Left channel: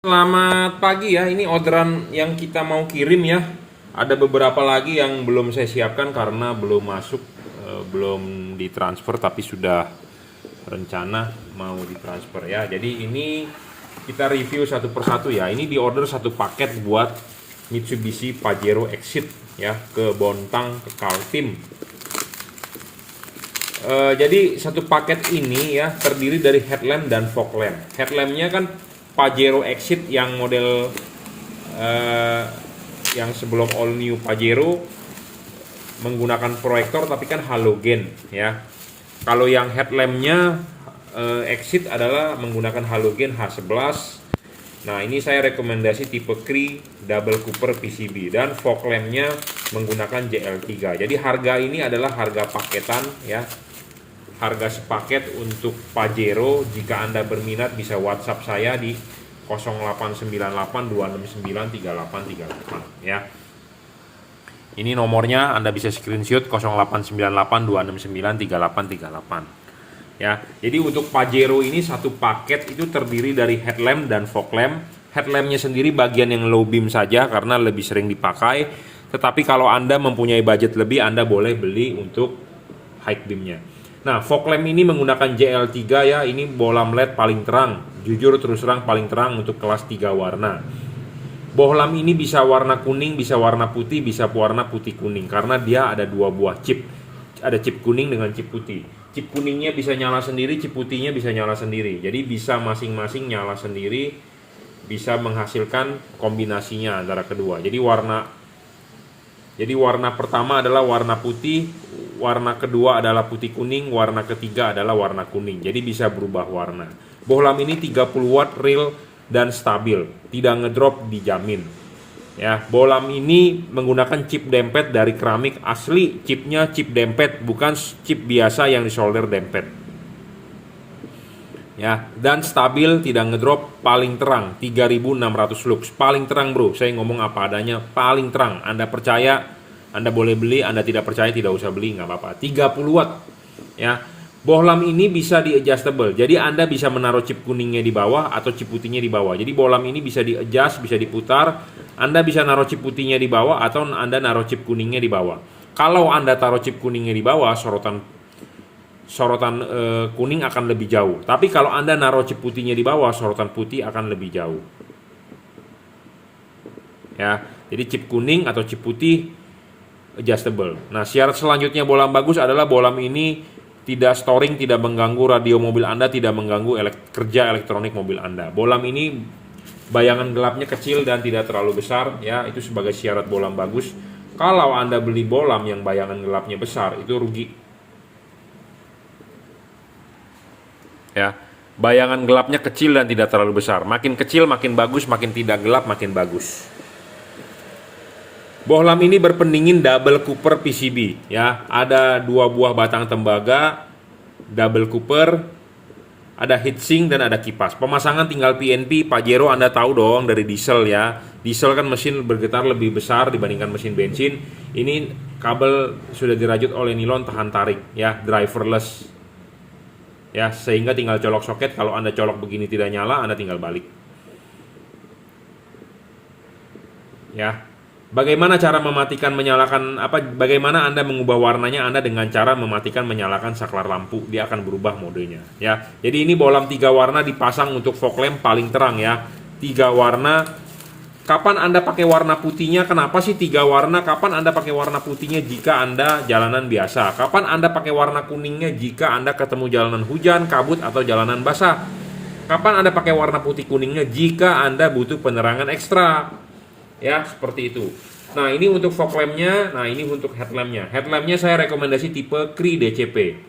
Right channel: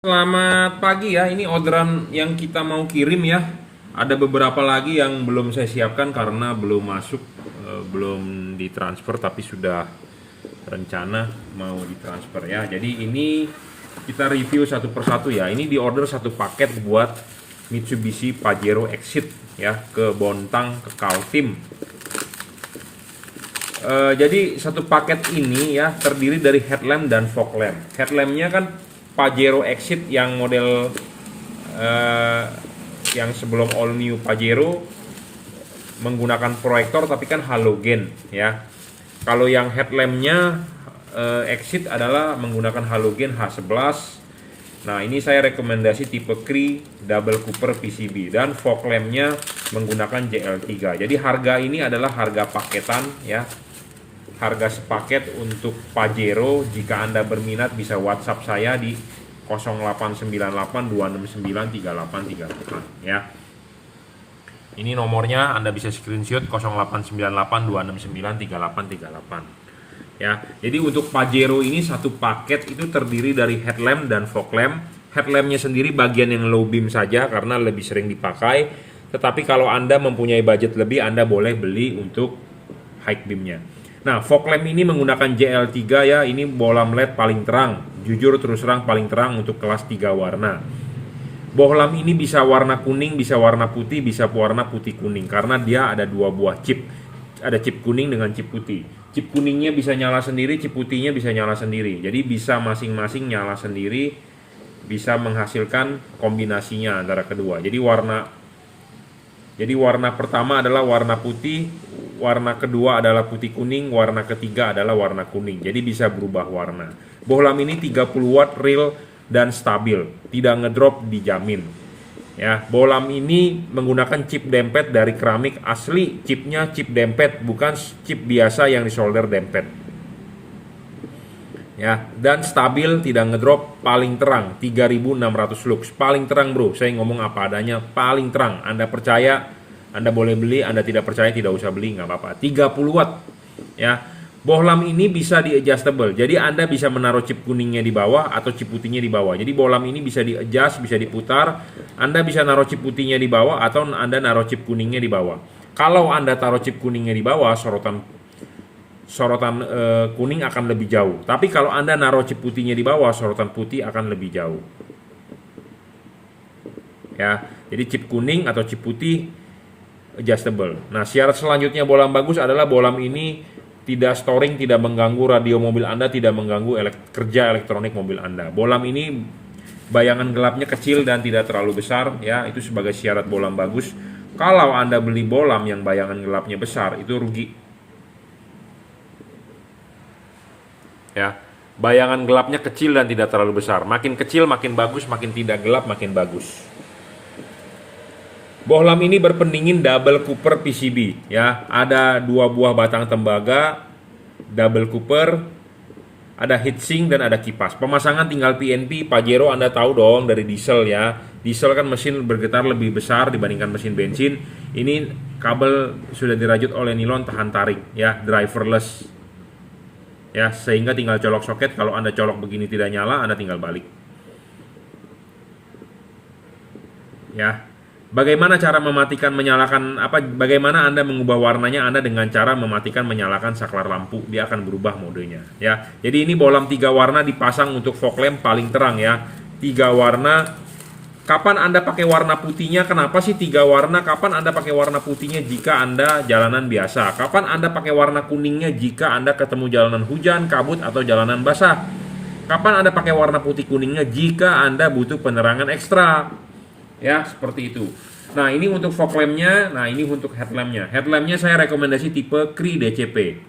Selamat pagi ya, ini orderan yang kita mau kirim ya. Ada beberapa lagi yang belum saya siapkan karena belum masuk, belum ditransfer tapi sudah rencana mau ditransfer ya. Jadi ini kita review satu persatu ya. Ini diorder satu paket buat Mitsubishi Pajero Exit ya ke Bontang ke Kaltim. Jadi satu paket ini ya terdiri dari headlamp dan fog lamp. Headlampnya kan Pajero Exit yang model yang sebelum all new Pajero menggunakan proyektor tapi kan halogen ya. Kalau yang headlampnya Exit adalah menggunakan halogen H11. Nah ini saya rekomendasi tipe Cree Double Cooper PCB dan fog lampnya menggunakan JL3. Jadi harga ini adalah harga paketan ya. Harga sepaket untuk Pajero. Jika Anda berminat bisa WhatsApp saya di 089826938838 ya. Ini nomornya Anda bisa screenshot 089826938838 ya. Jadi untuk Pajero ini satu paket itu terdiri dari headlamp dan fog lamp. Headlampnya sendiri bagian yang low beam saja karena lebih sering dipakai. Tetapi kalau Anda mempunyai budget lebih, Anda boleh beli untuk high beamnya. Nah, fog lamp ini menggunakan JL3 ya. Ini bohlam LED paling terang. Jujur terus terang paling terang untuk kelas 3 warna. Bohlam ini bisa warna kuning, bisa warna putih, bisa warna putih kuning karena dia ada dua buah chip. Ada chip kuning dengan chip putih. Chip kuningnya bisa nyala sendiri, chip putihnya bisa nyala sendiri. Jadi bisa masing-masing nyala sendiri, bisa menghasilkan kombinasinya antara kedua. Jadi warna pertama adalah warna putih, warna kedua adalah putih kuning, warna ketiga adalah warna kuning. Jadi bisa berubah warna. Bohlam ini 30 watt real dan stabil, tidak ngedrop dijamin. Ya, bohlam ini menggunakan chip dempet dari keramik asli, chipnya chip dempet, bukan chip biasa yang disolder dempet. Ya, dan stabil, tidak ngedrop, paling terang 3600 lux, paling terang bro. Saya ngomong apa adanya, paling terang. Anda percaya, Anda boleh beli. Anda tidak percaya, tidak usah beli, nggak apa-apa. 30 watt ya. Bohlam ini bisa di adjustable, jadi Anda bisa menaruh chip kuningnya di bawah atau chip putihnya di bawah. Jadi bohlam ini bisa di adjust, bisa diputar. Anda bisa naruh chip putihnya di bawah atau Anda naruh chip kuningnya di bawah. Kalau Anda taruh chip kuningnya di bawah, sorotan kuning akan lebih jauh. Tapi kalau Anda naruh chip putihnya di bawah, sorotan putih akan lebih jauh. Ya, jadi chip kuning atau chip putih adjustable. Nah, syarat selanjutnya bohlam bagus adalah bohlam ini tidak storing, tidak mengganggu radio mobil Anda, tidak mengganggu kerja elektronik mobil Anda. Bohlam ini bayangan gelapnya kecil dan tidak terlalu besar ya, itu sebagai syarat bohlam bagus. Kalau Anda beli bohlam yang bayangan gelapnya besar, itu rugi. Ya, bayangan gelapnya kecil dan tidak terlalu besar. Makin kecil makin bagus, makin tidak gelap makin bagus. Bohlam ini berpendingin double cooper PCB ya. Ada dua buah batang tembaga double cooper, ada heatsink dan ada kipas. Pemasangan tinggal PNP. Pajero Anda tahu dong dari diesel ya. Diesel kan mesin bergetar lebih besar dibandingkan mesin bensin. Ini kabel sudah dirajut oleh nilon tahan tarik ya, driverless. Ya, sehingga tinggal colok soket. Kalau Anda colok begini tidak nyala, Anda tinggal balik. Ya. Bagaimana cara mematikan menyalakan bagaimana Anda mengubah warnanya Anda dengan cara mematikan menyalakan saklar lampu, dia akan berubah modenya ya. Jadi ini bohlam 3 warna dipasang untuk fog lamp paling terang ya. 3 warna. Kapan Anda pakai warna putihnya? Kenapa sih 3 warna? Kapan Anda pakai warna putihnya? Jika Anda jalanan biasa. Kapan Anda pakai warna kuningnya? Jika Anda ketemu jalanan hujan, kabut atau jalanan basah. Kapan Anda pakai warna putih kuningnya? Jika Anda butuh penerangan ekstra. Ya, seperti itu. Nah, ini untuk fog lampnya. Nah, ini untuk headlampnya. Headlampnya saya rekomendasi tipe Cree DCP.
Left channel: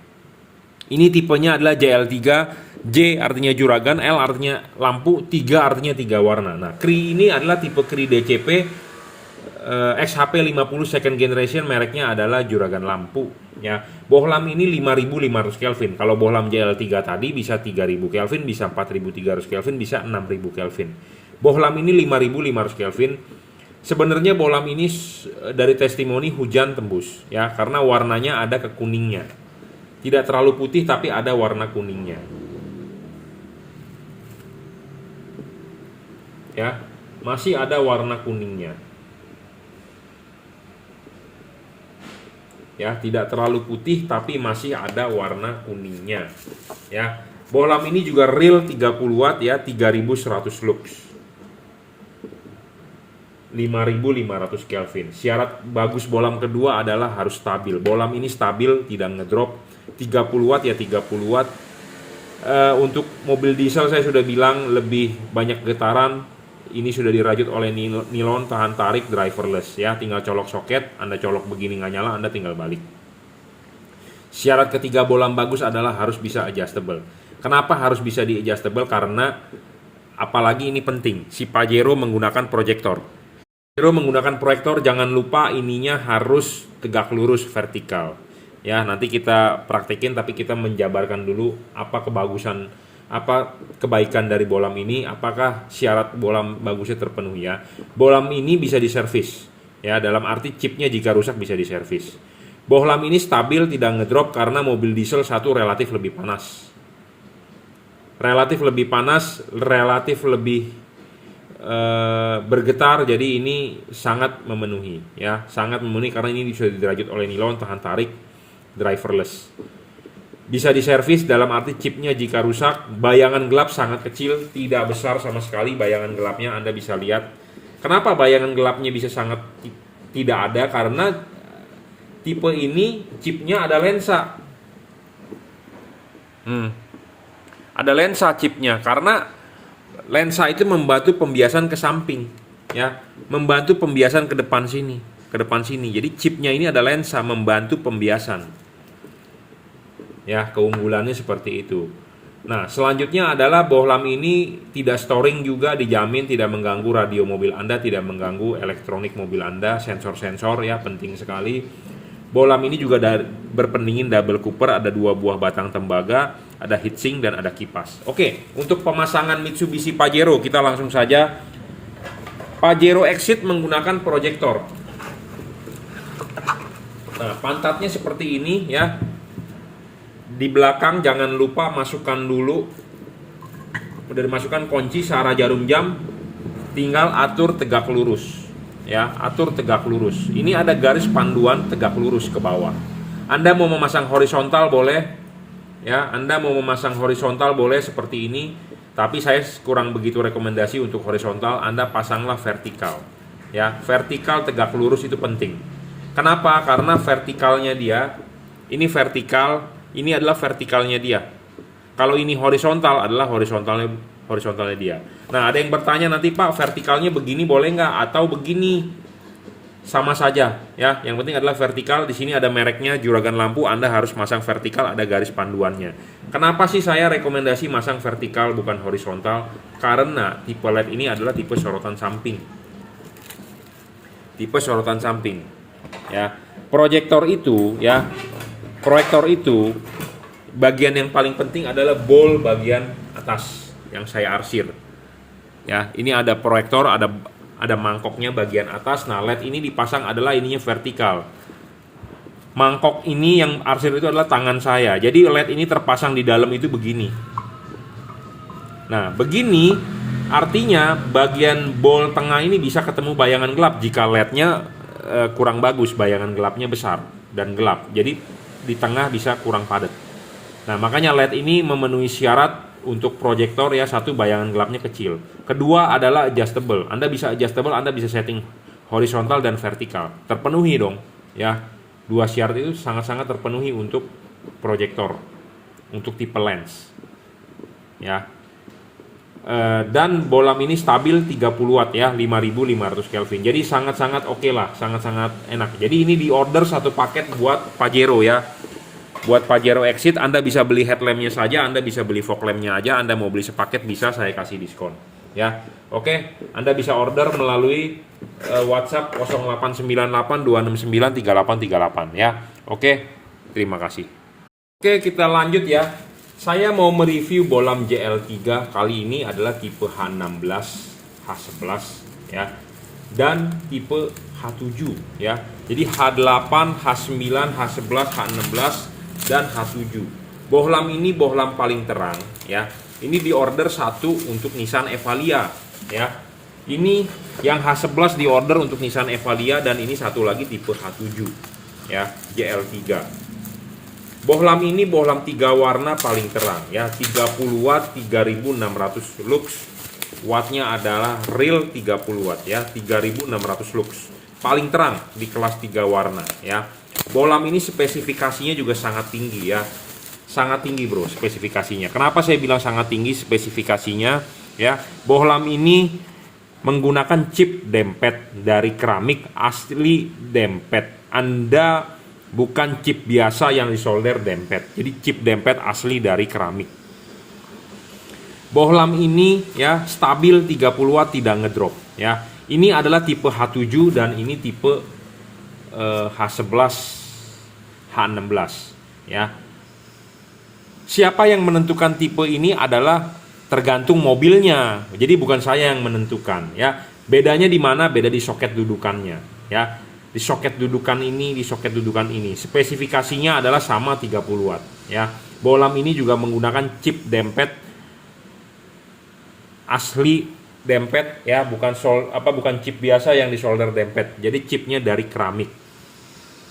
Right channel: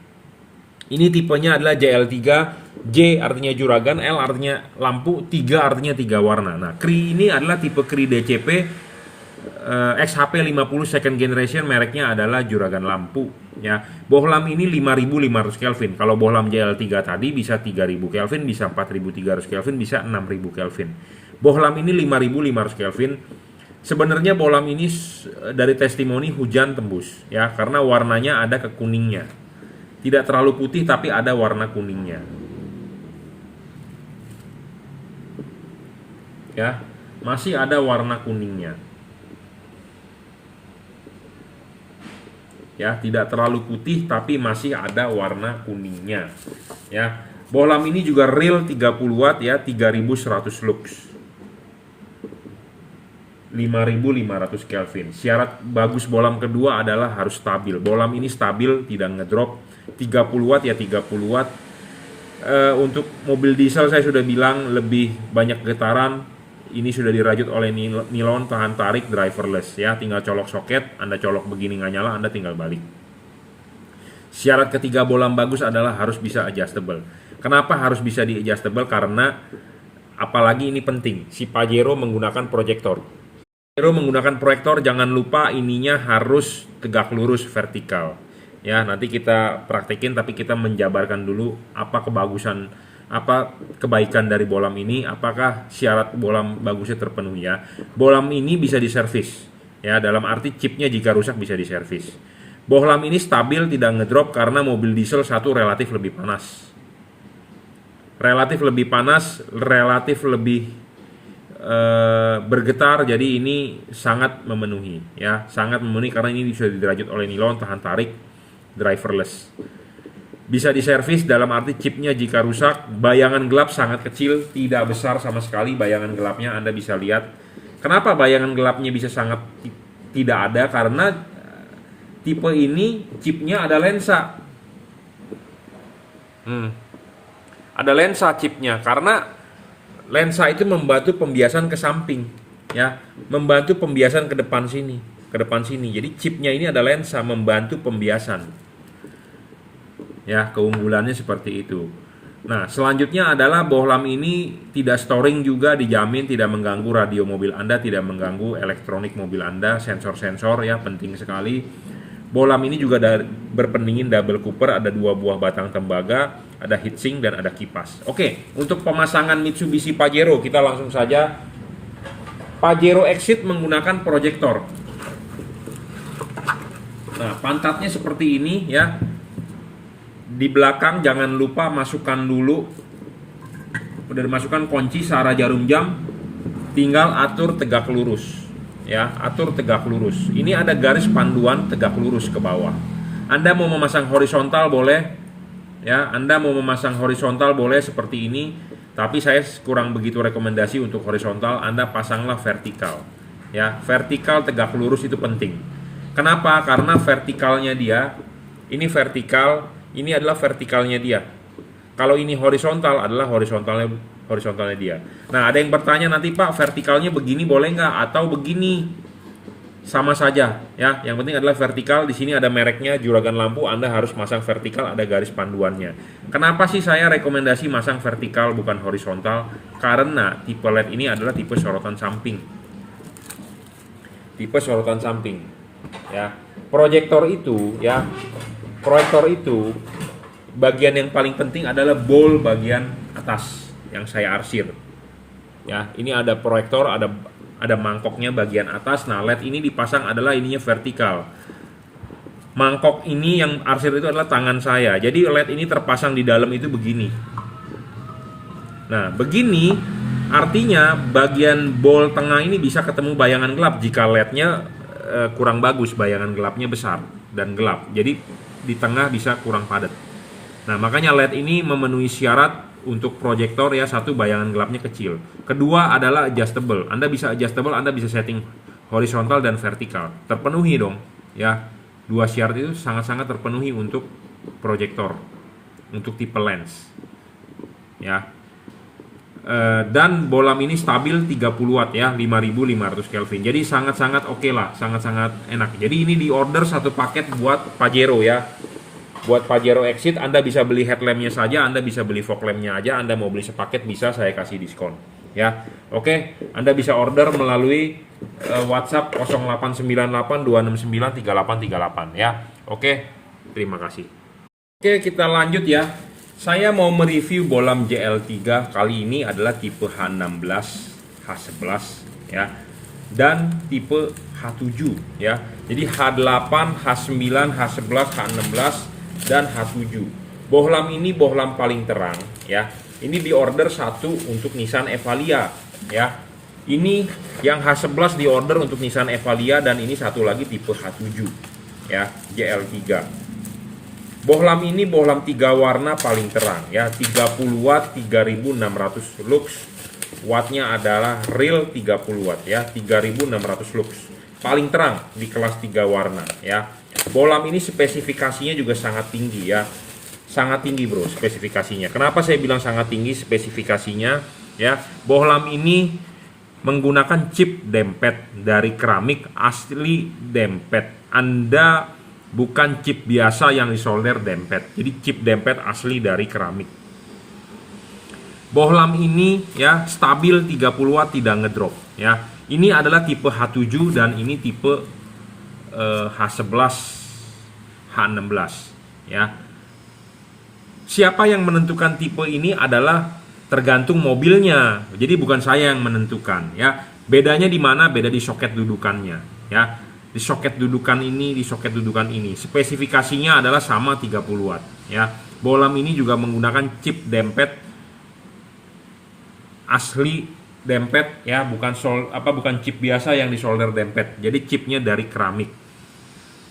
Ini tipenya adalah JL3. J artinya juragan, L artinya lampu, 3 artinya 3 warna. Nah, Cree ini adalah tipe Cree DCP XHP50 second generation, mereknya adalah juragan lampu ya. Bohlam ini 5500 Kelvin. Kalau bohlam JL3 tadi bisa 3000 Kelvin, bisa 4300 Kelvin, bisa 6000 Kelvin. Bohlam ini 5500 Kelvin. Sebenarnya bohlam ini dari testimoni hujan tembus ya, karena warnanya ada kekuningnya. Tidak terlalu putih tapi ada warna kuningnya. ya. Masih ada warna kuningnya. Ya, tidak terlalu putih tapi masih ada warna kuningnya. Ya. Bohlam ini juga real 30 watt ya, 3100 lux. 5500 Kelvin. Syarat bagus bohlam kedua adalah harus stabil. Bohlam ini stabil, tidak ngedrop. 30 watt ya 30 watt. Untuk mobil diesel saya sudah bilang lebih banyak getaran. Ini sudah dirajut oleh nilon tahan tarik driverless ya. Tinggal colok soket, Anda colok begini nggak nyala, Anda tinggal balik. Syarat ketiga bohlam bagus adalah harus bisa adjustable. Kenapa harus bisa di adjustable? Karena apalagi ini penting, si Pajero menggunakan proyektor. Pajero menggunakan proyektor, jangan lupa ininya harus tegak lurus vertikal. Ya, nanti kita praktekin tapi kita menjabarkan dulu apa kebaikan dari bohlam ini, apakah syarat bohlam bagusnya terpenuhi ya. Bohlam ini bisa diservis ya, dalam arti chipnya jika rusak bisa diservis. Bohlam ini stabil, tidak ngedrop karena mobil diesel satu relatif lebih panas. Relatif lebih bergetar, jadi ini sangat memenuhi ya, sangat memenuhi karena ini bisa dirajut oleh nilon tahan tarik driverless. Bisa diservis dalam arti chipnya jika rusak. Bayangan gelap sangat kecil, tidak besar sama sekali bayangan gelapnya, Anda bisa lihat. Kenapa bayangan gelapnya bisa sangat tidak ada? Karena tipe ini chipnya ada lensa. Ada lensa chipnya, karena lensa itu membantu pembiasan ke samping ya, membantu pembiasan ke depan sini. Jadi chipnya ini ada lensa membantu pembiasan. Ya, keunggulannya seperti itu. Nah, selanjutnya adalah bohlam ini tidak storing juga, dijamin tidak mengganggu radio mobil Anda, tidak mengganggu elektronik mobil Anda, sensor-sensor ya, penting sekali. Bohlam ini juga berpendingin double cooper, ada 2 buah batang tembaga, ada heatsink dan ada kipas. Oke, untuk pemasangan Mitsubishi Pajero kita langsung saja. Pajero Exit menggunakan proyektor. Nah, pantatnya seperti ini ya. Di belakang jangan lupa masukkan dulu, udah dimasukkan kunci searah jarum jam, tinggal atur tegak lurus ya, atur tegak lurus. Ini ada garis panduan tegak lurus ke bawah. Anda mau memasang horizontal boleh ya, Anda mau memasang horizontal boleh seperti ini, tapi saya kurang begitu rekomendasi untuk horizontal. Anda pasanglah vertikal ya, vertikal tegak lurus itu penting. Kenapa? Karena vertikalnya dia, ini vertikal, ini adalah vertikalnya dia. Kalau ini horizontal adalah horizontalnya dia. Nah, ada yang bertanya nanti, Pak, vertikalnya begini boleh nggak atau begini? Sama saja ya. Yang penting adalah vertikal. Di sini ada mereknya, juragan lampu. Anda harus masang vertikal, ada garis panduannya. Kenapa sih saya rekomendasi masang vertikal bukan horizontal? Karena tipe LED ini adalah tipe sorotan samping. Tipe sorotan samping ya. Proyektor itu bagian yang paling penting adalah bol bagian atas yang saya arsir. Ya, ini ada proyektor, ada mangkoknya bagian atas. Nah, LED ini dipasang adalah ininya vertikal. Mangkok ini yang arsir itu adalah tangan saya. Jadi LED ini terpasang di dalam itu begini. Nah, begini artinya bagian bol tengah ini bisa ketemu bayangan gelap jika LED-nya kurang bagus, bayangan gelapnya besar dan gelap. Jadi di tengah bisa kurang padat. Nah, makanya LED ini memenuhi syarat untuk proyektor ya. Satu, bayangan gelapnya kecil. Kedua adalah adjustable. Anda bisa adjustable, Anda bisa setting horizontal dan vertikal. Terpenuhi dong ya. 2 syarat itu sangat-sangat terpenuhi untuk proyektor, untuk tipe lens ya. Dan bohlam ini stabil 30 watt ya, 5500 Kelvin. Jadi sangat-sangat oke lah, sangat-sangat enak. Jadi ini di order satu paket buat Pajero ya. Buat Pajero Exit Anda bisa beli headlampnya saja, Anda bisa beli fog lampnya aja. Anda mau beli sepaket bisa, saya kasih diskon ya. Oke, Anda bisa order melalui WhatsApp 0898 269 3838 ya. Oke, terima kasih. Oke, kita lanjut ya. Saya mau mereview bohlam JL3. Kali ini adalah tipe H16, H11 ya, dan tipe H7 ya. Jadi H8, H9, H11, H16 dan H7. Bohlam ini bohlam paling terang ya. Ini diorder satu untuk Nissan Evalia ya. Ini yang H11 di order untuk Nissan Evalia, dan ini satu lagi tipe H7 ya, JL3. Bohlam ini bohlam 3 warna paling terang ya, 30 watt, 3600 lux. Wattnya adalah real 30 watt ya, 3600 lux. Paling terang di kelas 3 warna ya. Bohlam ini spesifikasinya juga sangat tinggi ya. Sangat tinggi bro spesifikasinya. Kenapa saya bilang sangat tinggi spesifikasinya ya? Bohlam ini menggunakan chip dempet dari keramik asli dempet. Anda bukan chip biasa yang disolder dempet. Jadi chip dempet asli dari keramik. Bohlam ini ya stabil 30 watt, tidak ngedrop ya. Ini adalah tipe H7 dan ini tipe H11 H16 ya. Siapa yang menentukan tipe ini adalah tergantung mobilnya. Jadi bukan saya yang menentukan ya. Bedanya di mana? Beda di soket dudukannya ya. Di soket dudukan ini, di soket dudukan ini. Spesifikasinya adalah sama 30 watt ya. Bohlam ini juga menggunakan chip dempet asli dempet ya, bukan chip biasa yang disolder dempet. Jadi chipnya dari keramik.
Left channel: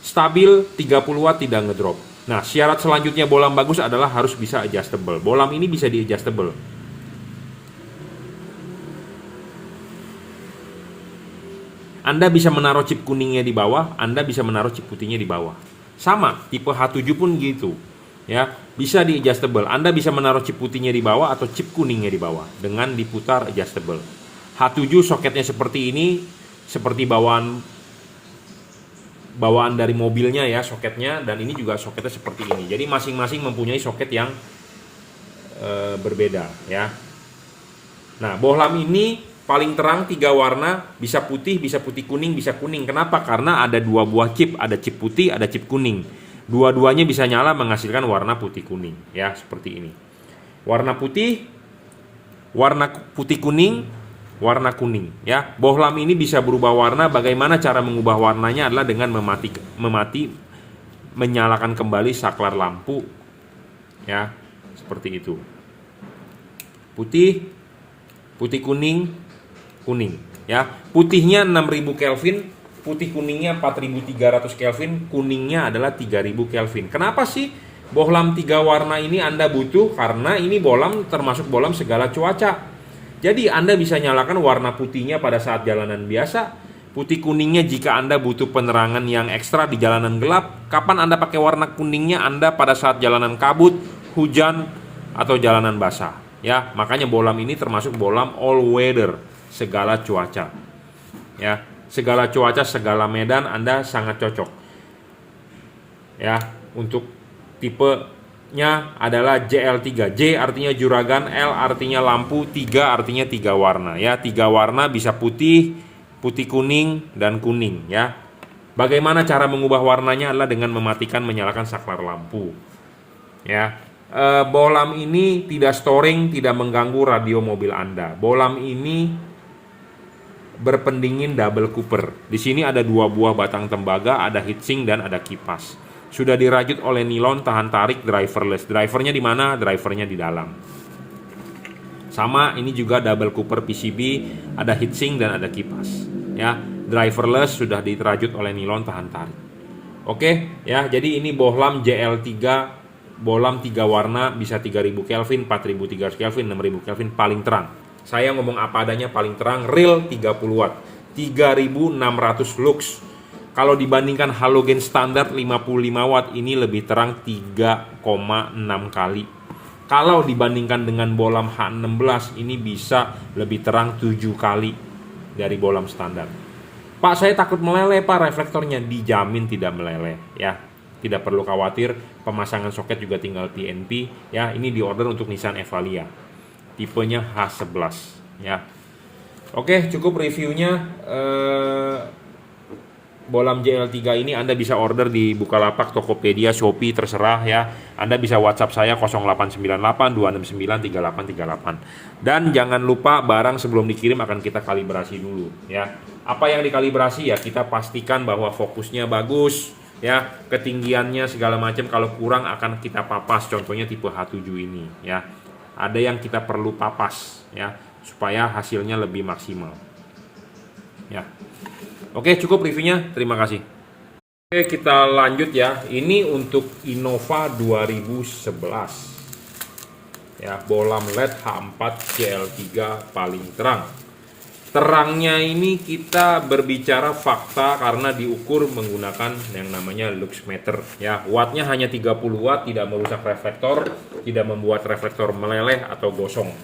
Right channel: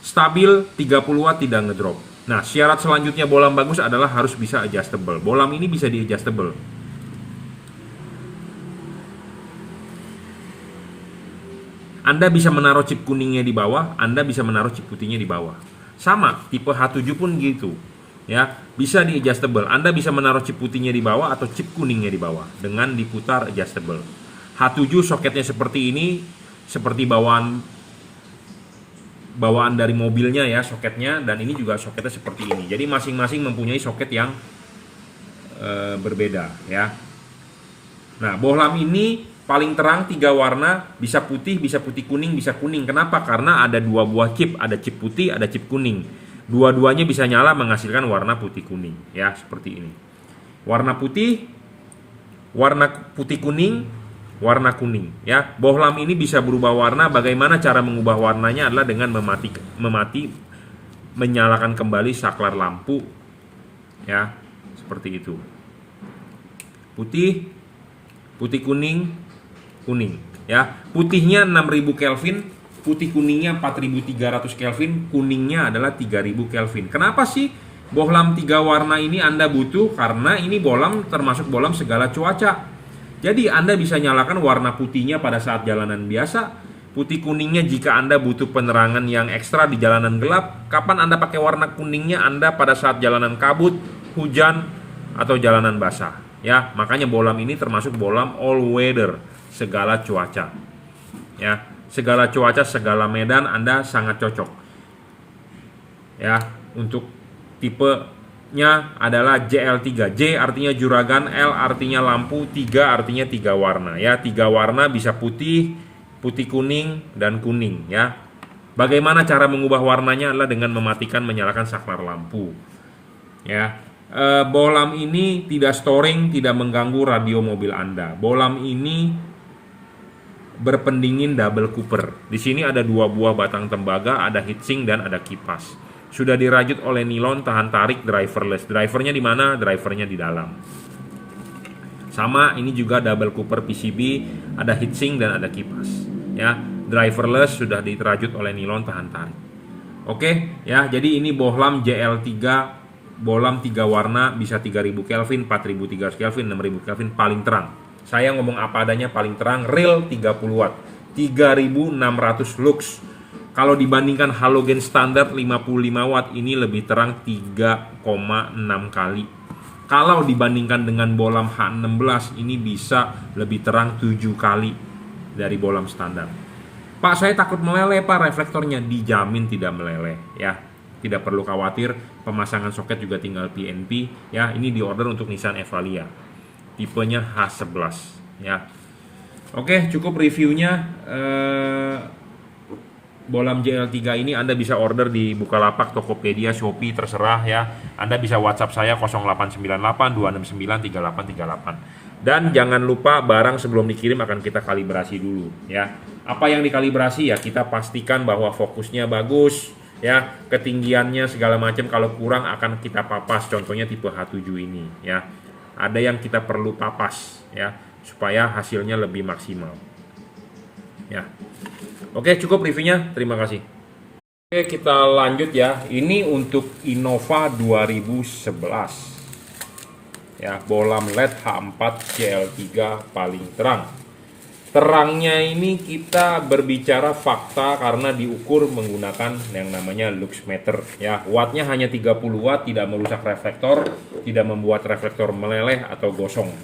Stabil 30 watt, tidak ngedrop. Nah, syarat selanjutnya bohlam bagus adalah harus bisa adjustable. Bohlam ini bisa di adjustable. Anda bisa menaruh chip kuningnya di bawah, Anda bisa menaruh chip putihnya di bawah. Sama, tipe H7 pun gitu. Ya, bisa di adjustable. Anda bisa menaruh chip putihnya di bawah atau chip kuningnya di bawah dengan diputar adjustable. H7 soketnya seperti ini, seperti bawaan dari mobilnya ya soketnya, dan ini juga soketnya seperti ini. Jadi masing-masing mempunyai soket yang berbeda ya. Nah, bohlam ini paling terang 3 warna, bisa putih kuning, bisa kuning. Kenapa? Karena ada 2 buah chip, ada chip putih, ada chip kuning. Dua-duanya bisa nyala menghasilkan warna putih kuning ya, seperti ini. Warna putih kuning, warna kuning ya. Bohlam ini bisa berubah warna. Bagaimana cara mengubah warnanya adalah dengan menyalakan kembali saklar lampu ya, seperti itu. Putih kuning ya. Putihnya 6000 Kelvin, putih kuningnya 4300 Kelvin, kuningnya adalah 3000 Kelvin. Kenapa sih bohlam 3 warna ini Anda butuh? Karena ini bohlam termasuk bohlam segala cuaca. Jadi Anda bisa nyalakan warna putihnya pada saat jalanan biasa, putih kuningnya jika Anda butuh penerangan yang ekstra di jalanan gelap. Kapan Anda pakai warna kuningnya? Anda pada saat jalanan kabut, hujan, atau jalanan basah ya. Makanya bohlam ini termasuk bohlam all weather, segala cuaca ya. Segala cuaca, segala medan Anda sangat cocok ya. Untuk tipenya adalah JL3. J artinya juragan, L artinya lampu, 3 artinya 3 warna ya. 3 warna bisa putih kuning, dan kuning ya. Bagaimana cara mengubah warnanya adalah dengan mematikan menyalakan saklar lampu ya. Bohlam ini tidak storing, tidak mengganggu radio mobil Anda. Bohlam ini berpendingin double cooper. Di sini ada 2 buah batang tembaga, ada heatsink dan ada kipas. Sudah dirajut oleh nilon tahan tarik driverless. Drivernya di mana? Drivernya di dalam. Sama, ini juga double cooper PCB, ada heatsink dan ada kipas. Ya, driverless, sudah dirajut oleh nilon tahan tarik. Oke, ya. Jadi ini bohlam JL3, bohlam 3 warna, bisa 3000 Kelvin, 4300 Kelvin, 6000 Kelvin, paling terang. Saya ngomong apa adanya, paling terang, real 30 watt, 3600 lux. Kalau dibandingkan halogen standar 55 watt, ini lebih terang 3,6 kali. Kalau dibandingkan dengan bohlam H16, ini bisa lebih terang 7 kali dari bohlam standar. Pak, saya takut meleleh Pak reflektornya. Dijamin tidak meleleh ya. Tidak perlu khawatir, pemasangan soket juga tinggal TNP ya. Ini diorder untuk Nissan Evalia, tipenya H11 ya. Oke, cukup reviewnya. Bohlam JL3 ini Anda bisa order di Bukalapak, Tokopedia, Shopee, terserah ya. Anda bisa WhatsApp saya 0898 269 3838. Dan jangan lupa barang sebelum dikirim akan kita kalibrasi dulu ya. Apa yang dikalibrasi ya, kita pastikan bahwa fokusnya bagus ya, ketinggiannya segala macam. Kalau kurang akan kita papas, contohnya tipe H7 ini ya. Ada yang kita perlu papas ya, supaya hasilnya lebih maksimal. ya. Oke, cukup reviewnya. Terima kasih. Oke, kita lanjut ya. Ini untuk Innova 2011. Ya, bohlam LED H4 CL3 paling terang. Terangnya ini kita berbicara fakta karena diukur menggunakan yang namanya lux meter ya. Wattnya hanya 30 watt, tidak merusak reflektor, tidak membuat reflektor meleleh atau gosong.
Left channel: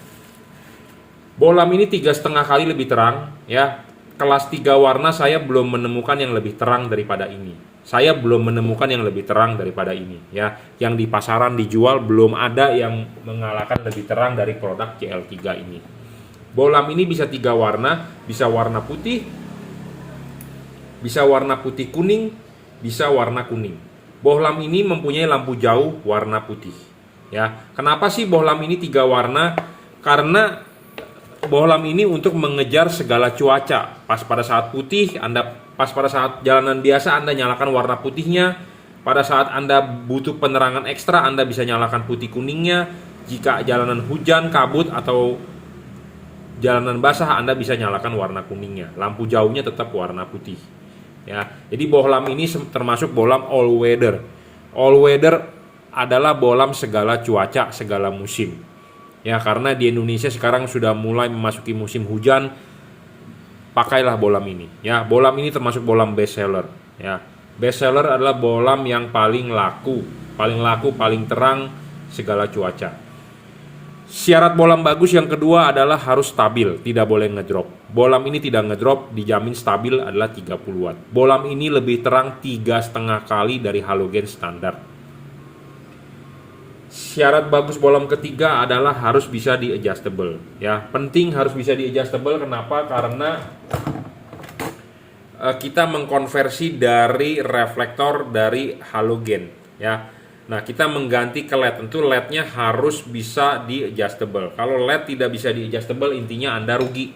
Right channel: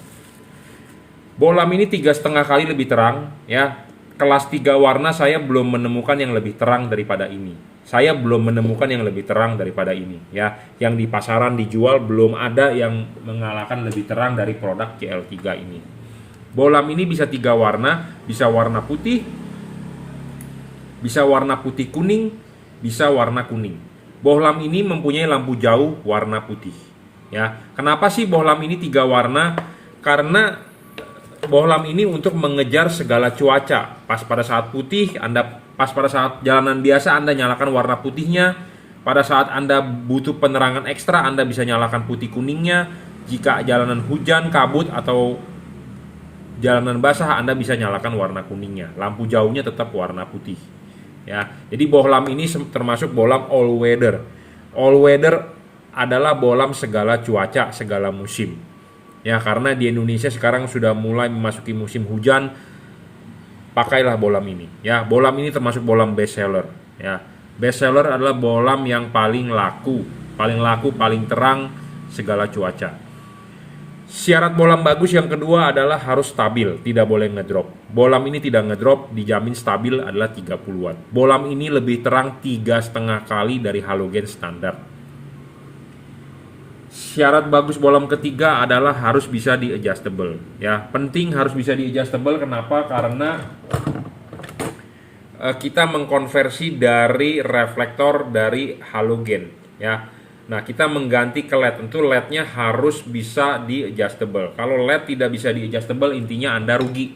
Bohlam ini 3,5 kali lebih terang ya. Kelas 3 warna saya belum menemukan yang lebih terang daripada ini. Saya belum menemukan yang lebih terang daripada ini ya. Yang di pasaran dijual belum ada yang mengalahkan lebih terang dari produk CL3 ini. Bohlam ini bisa 3 warna, bisa warna putih, bisa warna putih kuning, bisa warna kuning. Bohlam ini mempunyai lampu jauh warna putih ya. Kenapa sih bohlam ini 3 warna? Karena bohlam ini untuk mengejar segala cuaca. Pas pada saat putih, pas pada saat jalanan biasa Anda nyalakan warna putihnya. Pada saat Anda butuh penerangan ekstra, Anda bisa nyalakan putih kuningnya. Jika jalanan hujan, kabut atau jalanan basah, Anda bisa nyalakan warna kuningnya. Lampu jauhnya tetap warna putih. Ya, jadi bohlam ini termasuk bohlam all weather. All weather adalah bohlam segala cuaca, segala musim. Ya, karena di Indonesia sekarang sudah mulai memasuki musim hujan, pakailah bohlam ini. Ya, bohlam ini termasuk bohlam best seller. Ya, best seller adalah bohlam yang paling laku, paling terang segala cuaca. Syarat bohlam bagus yang kedua adalah harus stabil, tidak boleh ngedrop. Bohlam ini tidak ngedrop, dijamin stabil adalah 30 watt. Bohlam ini lebih terang 3,5 kali dari halogen standar. Syarat bagus bohlam ketiga adalah harus bisa di adjustable ya. Penting harus bisa di adjustable. Kenapa? Karena kita mengkonversi dari reflektor dari halogen ya. Nah, kita mengganti ke LED. Tentu LED-nya harus bisa di adjustable. Kalau LED tidak bisa di adjustable, intinya Anda rugi.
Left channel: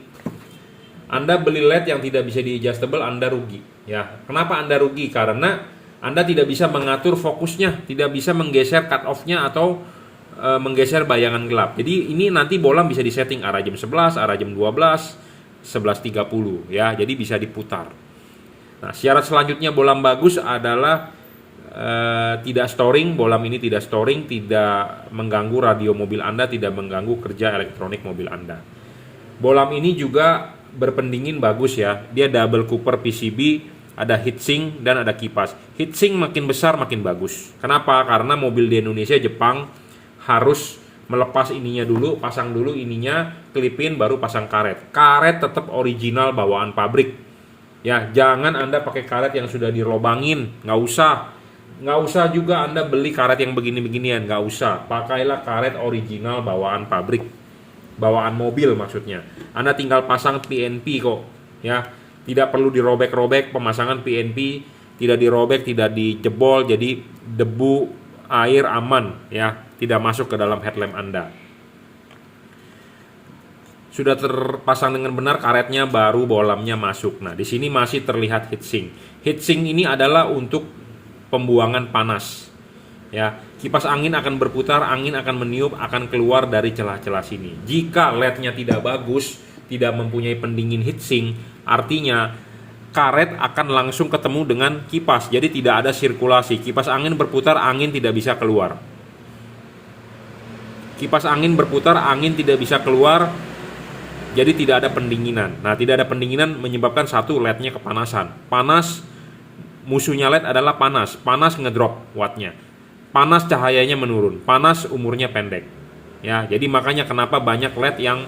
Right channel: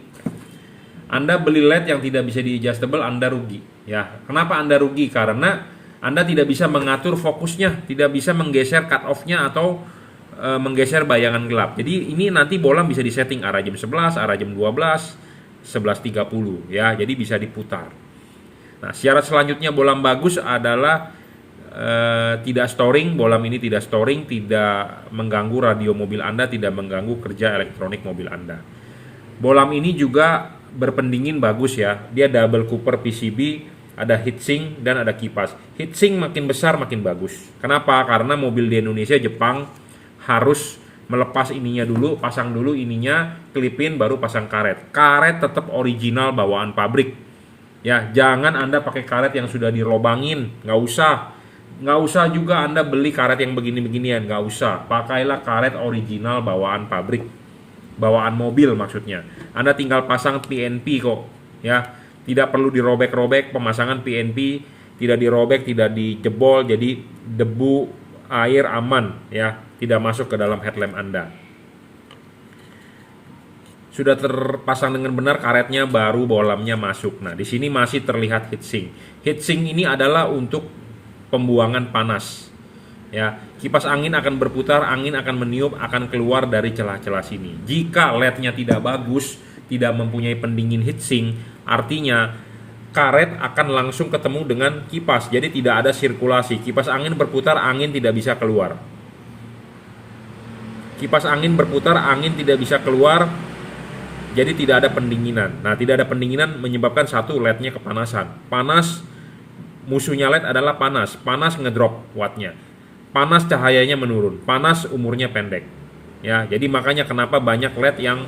Anda beli LED yang tidak bisa di adjustable, Anda rugi ya. Kenapa Anda rugi? Karena Anda tidak bisa mengatur fokusnya, tidak bisa menggeser cut off-nya atau menggeser bayangan gelap. Jadi ini nanti bohlam bisa disetting arah jam 11, arah jam 12, 11.30 ya. Jadi bisa diputar. Nah, syarat selanjutnya bohlam bagus adalah tidak storing. Bohlam ini tidak storing, tidak mengganggu radio mobil Anda, tidak mengganggu kerja elektronik mobil Anda. Bohlam ini juga berpendingin bagus ya. Dia double cooper PCB, ada heatsink dan ada kipas. Heatsink makin besar makin bagus. Kenapa? Karena mobil di Indonesia, Jepang harus melepas ininya dulu, pasang dulu ininya, klipin baru pasang karet. Karet tetap original bawaan pabrik. Ya, jangan Anda pakai karet yang sudah dirobangin, nggak usah juga Anda beli karet yang begini-beginian, nggak usah. Pakailah karet original bawaan pabrik, bawaan mobil maksudnya. Anda tinggal pasang PNP kok, ya. Tidak perlu dirobek-robek, pemasangan PNP tidak dirobek, tidak dijebol, jadi debu, air aman ya, tidak masuk ke dalam headlamp Anda. Sudah terpasang dengan benar karetnya, baru bohlamnya masuk. Nah, di sini masih terlihat heatsink. Heatsink ini adalah untuk pembuangan panas. Ya, kipas angin akan berputar, angin akan meniup, akan keluar dari celah-celah sini. Jika LED-nya tidak bagus, tidak mempunyai pendingin heatsink, artinya karet akan langsung ketemu dengan kipas. Jadi tidak ada sirkulasi. Kipas angin berputar, angin tidak bisa keluar. Kipas angin berputar, angin tidak bisa keluar. Jadi tidak ada pendinginan. Nah, tidak ada pendinginan menyebabkan satu, LED-nya kepanasan. Panas, musuhnya LED adalah panas. Panas ngedrop wattnya. Panas cahayanya menurun. Panas umurnya pendek. Ya, jadi makanya kenapa banyak LED yang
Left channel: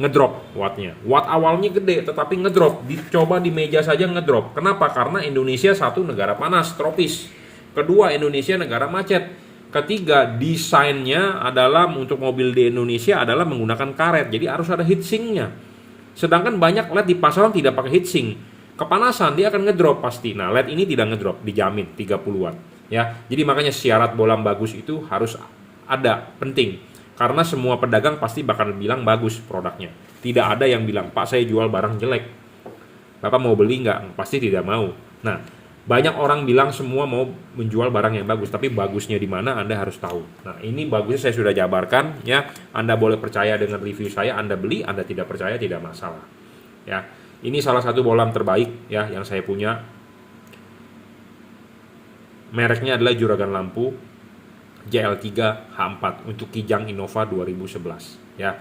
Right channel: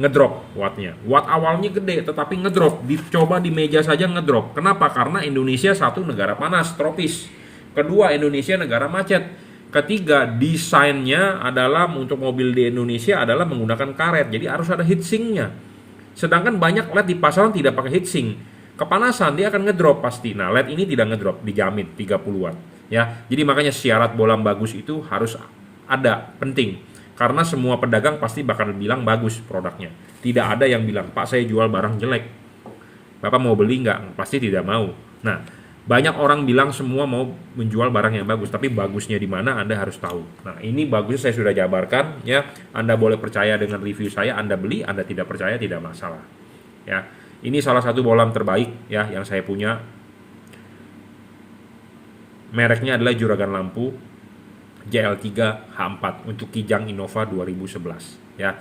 ngedrop wattnya. Watt awalnya gede tetapi ngedrop. Dicoba di meja saja ngedrop. Kenapa? Karena Indonesia satu negara panas, tropis. Kedua, Indonesia negara macet. Ketiga, desainnya adalah untuk mobil di Indonesia adalah menggunakan karet. Jadi harus ada heatsinknya. Sedangkan banyak LED di pasaran tidak pakai heatsink. Kepanasan dia akan ngedrop pasti. Nah, LED ini tidak ngedrop, dijamin 30-an. Ya, jadi makanya syarat bohlam bagus itu harus ada, penting. Karena semua pedagang pasti bakal bilang bagus produknya. Tidak ada yang bilang, Pak saya jual barang jelek, Bapak mau beli nggak? Pasti tidak mau. Nah, banyak orang bilang semua mau menjual barang yang bagus, tapi bagusnya di mana Anda harus tahu. Nah, ini bagusnya saya sudah jabarkan ya. Anda boleh percaya dengan review saya, Anda beli, Anda tidak percaya tidak masalah. Ya. Ini salah satu bohlam terbaik ya yang saya punya. Mereknya adalah juragan lampu JL3 H4 untuk Kijang Innova 2011 ya.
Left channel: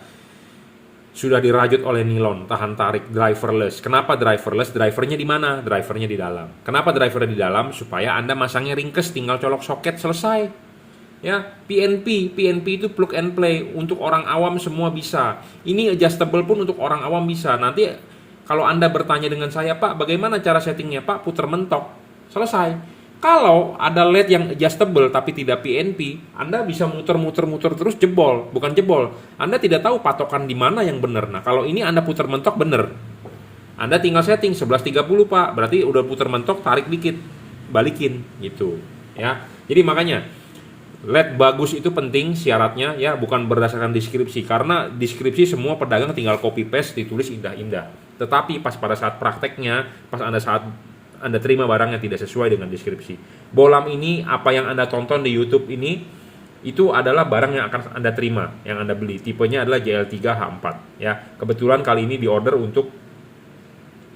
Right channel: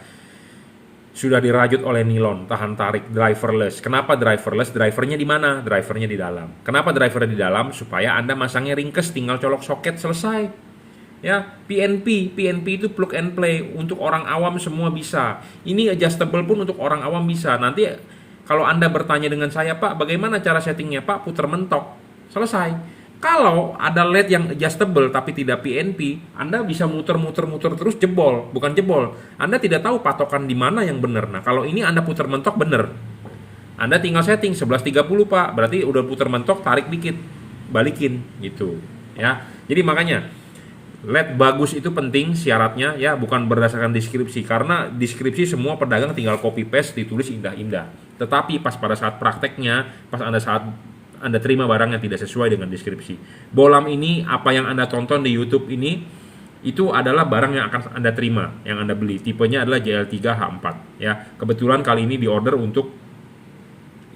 Sudah dirajut oleh nilon, tahan tarik, driverless. Kenapa driverless? Drivernya di mana? Drivernya di dalam. Kenapa drivernya di dalam? Supaya Anda masangnya ringkes, tinggal colok soket, selesai. Ya, PNP itu plug and play, untuk orang awam semua bisa. Ini adjustable pun untuk orang awam bisa. Nanti kalau Anda bertanya dengan saya, Pak, bagaimana cara settingnya? Pak, putar mentok, selesai. Kalau ada LED yang adjustable tapi tidak PNP, Anda bisa muter-muter terus, jebol. Bukan jebol, Anda tidak tahu patokan di mana yang benar. Nah, kalau ini Anda putar mentok benar. Anda tinggal setting 11.30, Pak. Berarti udah putar mentok, tarik dikit, balikin gitu. Ya. Jadi makanya LED bagus itu penting syaratnya ya, bukan berdasarkan deskripsi, karena deskripsi semua pedagang tinggal copy paste ditulis indah-indah. Tetapi pas pada saat prakteknya, pas Anda terima barang yang tidak sesuai dengan deskripsi. Bohlam ini, apa yang Anda tonton di YouTube ini, itu adalah barang yang akan Anda terima, yang Anda beli. Tipenya adalah JL3 H4 ya. Kebetulan kali ini diorder untuk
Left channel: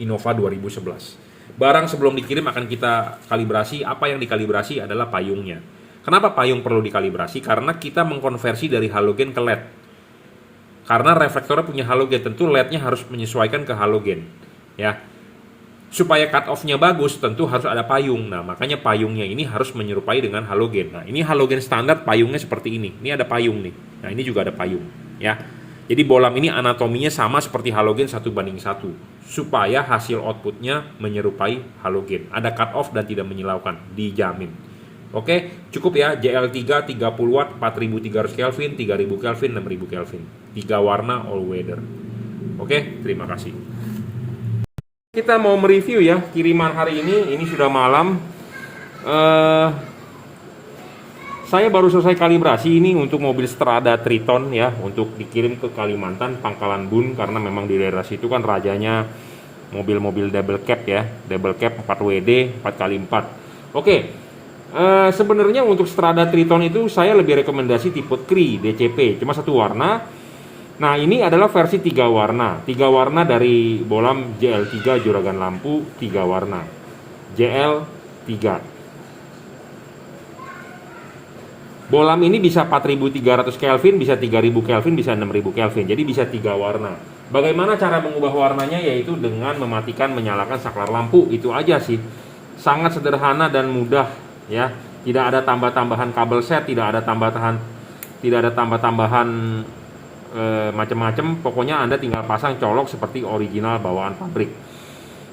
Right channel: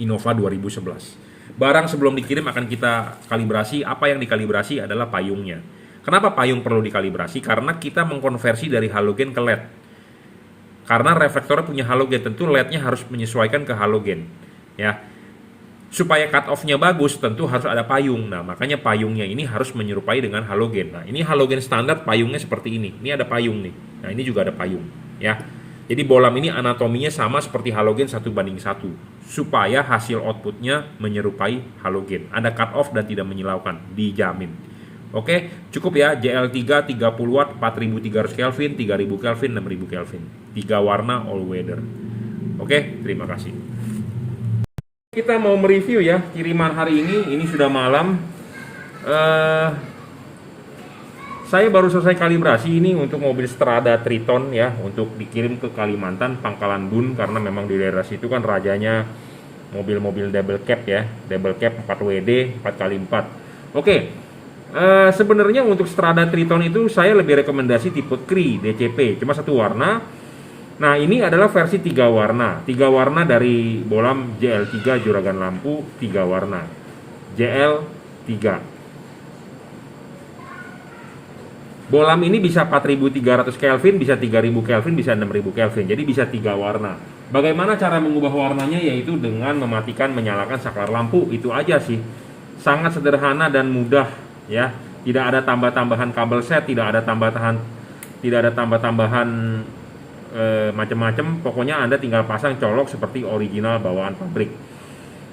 Innova 2011. Barang sebelum dikirim akan kita kalibrasi. Apa yang dikalibrasi adalah payungnya. Kenapa payung perlu dikalibrasi? Karena kita mengkonversi dari halogen ke LED. Karena reflektornya punya halogen, tentu LED-nya harus menyesuaikan ke halogen ya. Supaya cut off-nya bagus, tentu harus ada payung. Nah, makanya payungnya ini harus menyerupai dengan halogen. Nah, ini halogen standar, payungnya seperti ini. Ini ada payung nih. Nah, ini juga ada payung, ya. Jadi bohlam ini anatominya sama seperti halogen 1:1, supaya hasil outputnya menyerupai halogen. Ada cut off dan tidak menyilaukan, dijamin. Oke, cukup ya. JL3 30 watt, 4300 Kelvin, 3000 Kelvin, 6000 Kelvin. 3 warna all weather. Oke, terima kasih. Kita mau mereview ya kiriman hari ini sudah malam. Saya baru selesai kalibrasi ini untuk mobil Strada Triton ya, untuk dikirim ke Kalimantan, Pangkalan Bun, karena memang di daerah situ kan rajanya mobil-mobil double cab ya, double cab 4WD 4x4. Oke, sebenarnya untuk Strada Triton itu saya lebih rekomendasi tipe CRI DCP, cuma satu warna. Nah, ini adalah versi 3 warna. 3 warna dari bohlam JL3 juragan lampu, 3 warna. JL3. Bohlam ini bisa 4300 Kelvin, bisa 3000 Kelvin, bisa 6000 Kelvin. Jadi bisa 3 warna. Bagaimana cara mengubah warnanya? Yaitu dengan mematikan, menyalakan saklar lampu. Itu aja sih. Sangat sederhana dan mudah ya. Tidak ada tambah-tambahan kabel set, tidak ada tambah-tambahan macam-macam. Pokoknya Anda tinggal pasang, colok seperti original bawaan pabrik.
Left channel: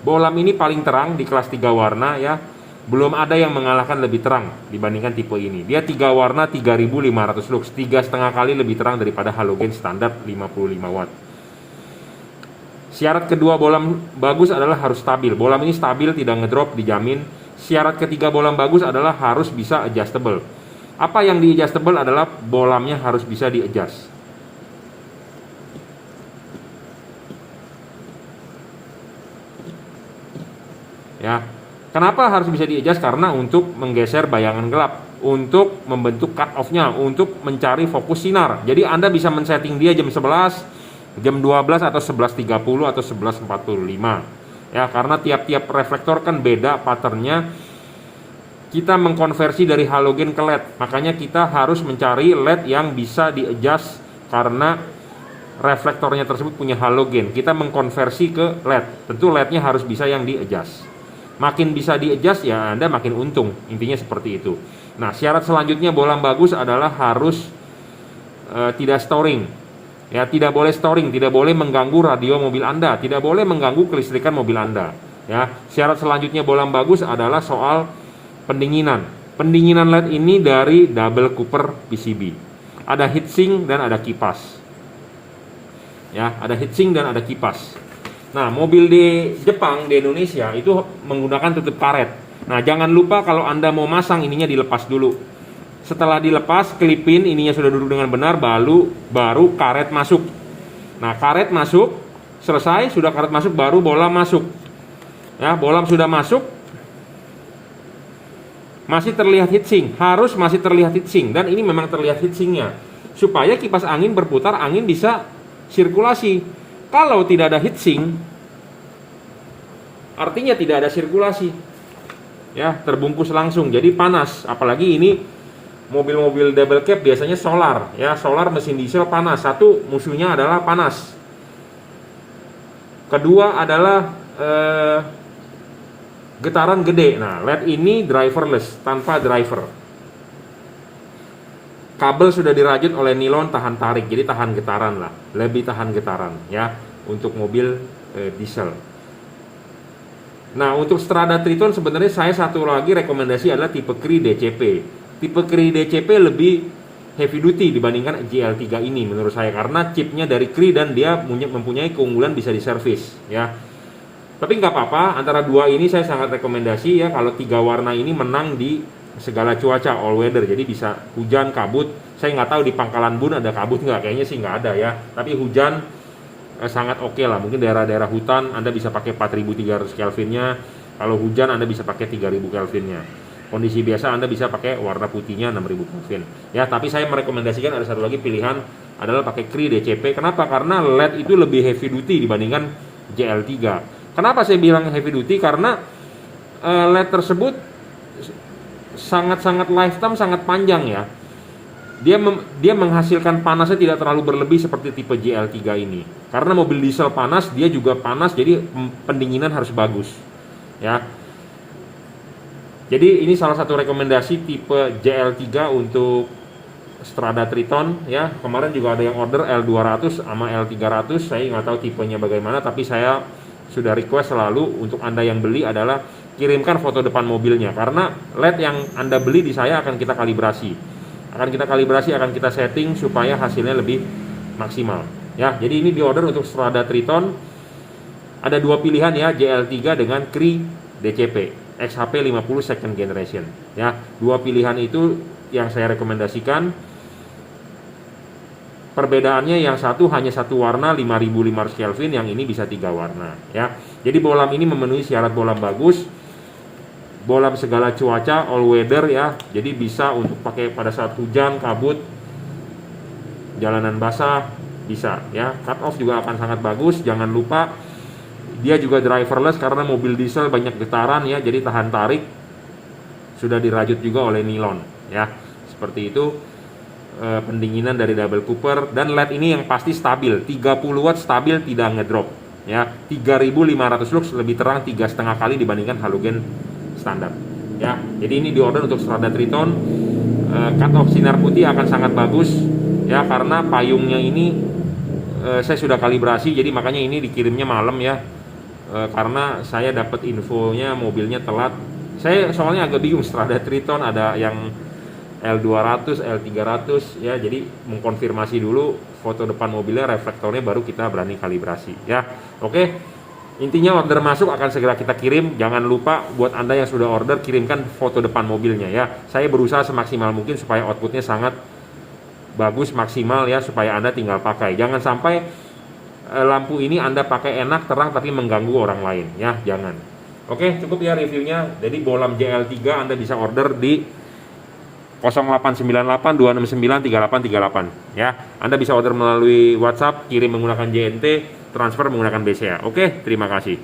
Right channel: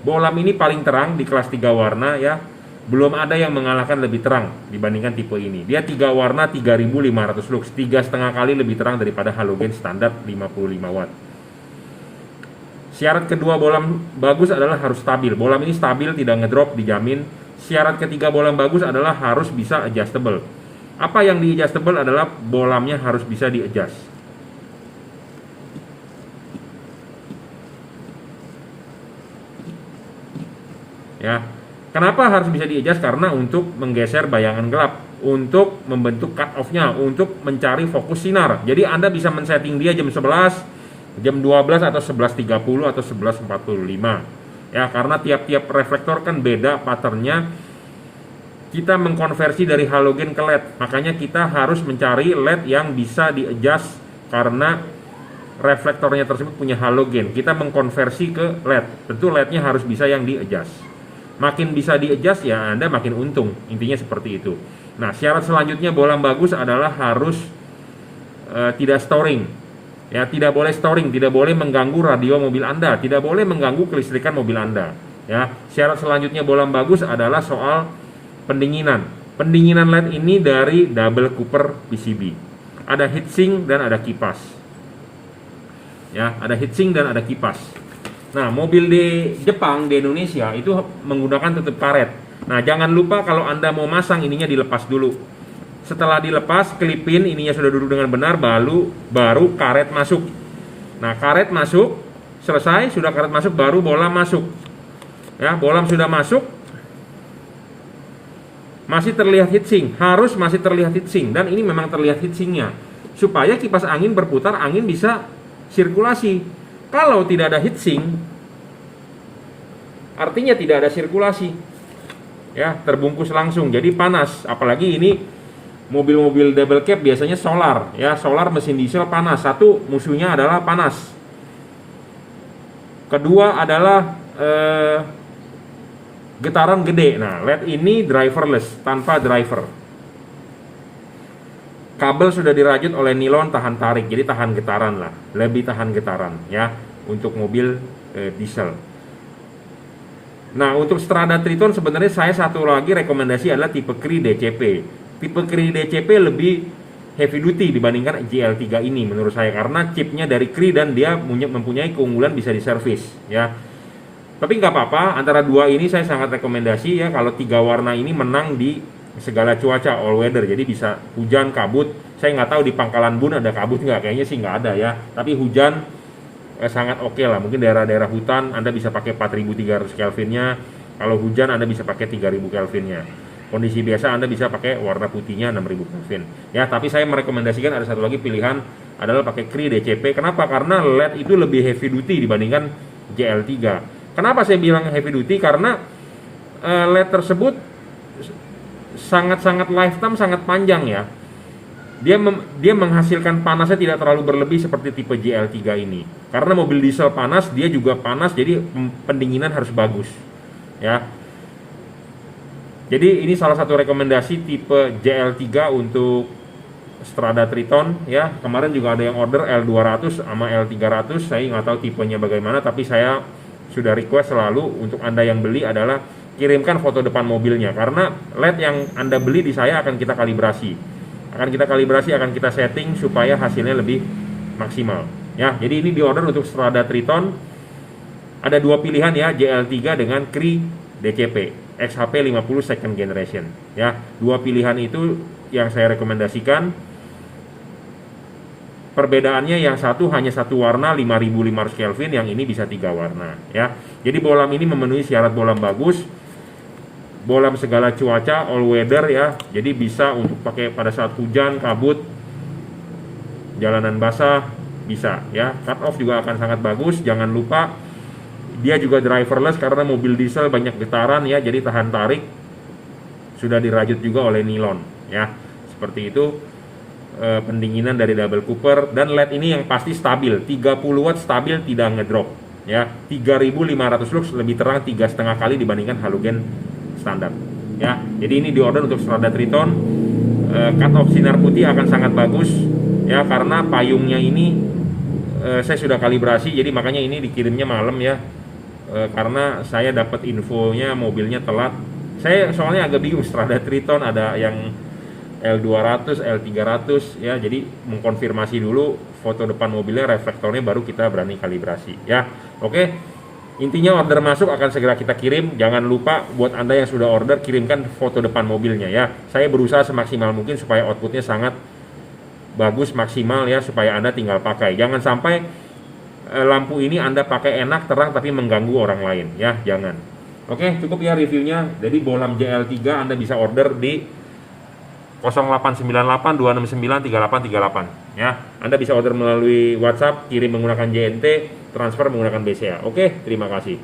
Bohlam ini paling terang di kelas 3 warna ya. Belum ada yang mengalahkan lebih terang dibandingkan tipe ini. Dia 3 warna 3500 lux, 3,5 kali lebih terang daripada halogen standar 55 watt. Syarat kedua bohlam bagus adalah harus stabil. Bohlam ini stabil, tidak ngedrop, dijamin. Syarat ketiga bohlam bagus adalah harus bisa adjustable. Apa yang di adjustable adalah bohlamnya harus bisa di adjust. Ya, kenapa harus bisa di-adjust? Karena untuk menggeser bayangan gelap, untuk membentuk cut off-nya, untuk mencari fokus sinar. Jadi Anda bisa men-setting dia jam 11, jam 12 atau 11.30 atau 11.45. Ya, karena tiap-tiap reflektor kan beda patternnya. Kita mengkonversi dari halogen ke LED. Makanya kita harus mencari LED yang bisa di-adjust karena reflektornya tersebut punya halogen. Kita mengkonversi ke LED. Tentu LED-nya harus bisa yang di-adjust. Makin bisa di-adjust ya Anda makin untung. Intinya seperti itu. Nah, syarat selanjutnya bohlam bagus adalah harus tidak storing. Ya, tidak boleh storing, tidak boleh mengganggu radio mobil Anda, tidak boleh mengganggu kelistrikan mobil Anda. Ya, syarat selanjutnya bohlam bagus adalah soal pendinginan. Pendinginan LED ini dari double cooper PCB. Ada heatsink dan ada kipas. Ya, ada heatsink dan ada kipas. Nah, mobil di Jepang, di Indonesia itu menggunakan tutup karet. Nah, jangan lupa kalau Anda mau masang ininya dilepas dulu. Setelah dilepas, klipin ininya sudah duduk dengan benar, baru karet masuk. Nah, karet masuk, selesai, sudah karet masuk, baru bohlam masuk. Ya, bohlam sudah masuk. Masih terlihat heatsink, harus masih terlihat heatsink, dan ini memang terlihat heatsinknya. Supaya kipas angin berputar, angin bisa sirkulasi. Kalau tidak ada heatsink, artinya tidak ada sirkulasi. Ya, terbungkus langsung, jadi panas. Apalagi ini mobil-mobil double cab biasanya solar, ya, solar mesin diesel panas. Satu, musuhnya adalah panas. Kedua adalah getaran gede. Nah, LED ini driverless, tanpa driver. Kabel sudah dirajut oleh nilon tahan tarik, jadi tahan getaran lah, lebih tahan getaran ya untuk mobil diesel. Nah, untuk Strada Triton sebenarnya saya satu lagi rekomendasi adalah tipe Cri DCP. Tipe Cri DCP lebih heavy duty dibandingkan GL3 ini menurut saya, karena chipnya dari Cri dan dia mempunyai keunggulan bisa diservis ya. Tapi nggak apa-apa, antara dua ini saya sangat rekomendasi ya, kalau 3 warna ini menang di segala cuaca, all weather. Jadi bisa hujan, kabut. Saya nggak tahu di Pangkalan Bun ada kabut nggak, kayaknya sih nggak ada ya. Tapi hujan sangat oke lah. Mungkin daerah-daerah hutan Anda bisa pakai 4300 Kelvinnya. Kalau hujan Anda bisa pakai 3000 Kelvinnya. Kondisi biasa Anda bisa pakai warna putihnya 6000 Kelvin. Ya, tapi saya merekomendasikan ada satu lagi pilihan adalah pakai Cri DCP. Kenapa? Karena LED itu lebih heavy duty dibandingkan GL3. Kenapa saya bilang heavy duty? Karena LED tersebut sangat-sangat lifetime sangat panjang ya. Dia menghasilkan panasnya tidak terlalu berlebih seperti tipe GL3 ini. Karena mobil diesel panas, dia juga panas, jadi pendinginan harus bagus. Ya. Jadi ini salah satu rekomendasi tipe GL3 untuk Strada Triton ya. Kemarin juga ada yang order L200 sama L300. Saya nggak tahu tipenya bagaimana, tapi saya sudah request selalu untuk Anda yang beli adalah kirimkan foto depan mobilnya, karena LED yang Anda beli di saya akan kita kalibrasi. Akan kita setting supaya hasilnya lebih maksimal ya. Jadi ini di order untuk Strada Triton ada 2 pilihan ya, GL3 dengan Cri DCP XHP 50 second generation ya. 2 pilihan itu yang saya rekomendasikan. Perbedaannya yang satu hanya satu warna 5500 Kelvin, yang ini bisa 3 warna ya. Jadi bolam ini memenuhi syarat bolam bagus, bolam segala cuaca, all weather ya. Jadi bisa untuk pakai pada saat hujan, kabut, jalanan basah bisa ya. Cut off juga akan sangat bagus. Jangan lupa dia juga driverless karena mobil diesel banyak getaran ya, jadi tahan tarik. Sudah dirajut juga oleh nilon ya. Seperti itu. Pendinginan dari double cooper, dan LED ini yang pasti stabil 30 watt, stabil, tidak ngedrop ya. 3500 lux, lebih terang 3,5 kali dibandingkan halogen standar ya. Jadi ini di order untuk Strada Triton. Cut off sinar putih akan sangat bagus ya, karena payungnya ini saya sudah kalibrasi, jadi makanya ini dikirimnya malam ya. Karena saya dapat infonya mobilnya telat. Saya soalnya agak bingung, Strada Triton ada yang L200, L300 ya, jadi mengkonfirmasi dulu foto depan mobilnya, reflektornya, baru kita berani kalibrasi ya. Oke. Intinya order masuk akan segera kita kirim. Jangan lupa buat Anda yang sudah order, kirimkan foto depan mobilnya ya. Saya berusaha semaksimal mungkin supaya outputnya sangat bagus, maksimal ya, supaya Anda tinggal pakai. Jangan sampai lampu ini Anda pakai enak, terang, tapi mengganggu orang lain ya, jangan. Oke, cukup ya reviewnya. Jadi bolam JL3 Anda bisa order di 0898 269 3838 ya. Anda bisa order melalui WhatsApp, kirim menggunakan JNT, transfer menggunakan BCA. Oke, terima kasih.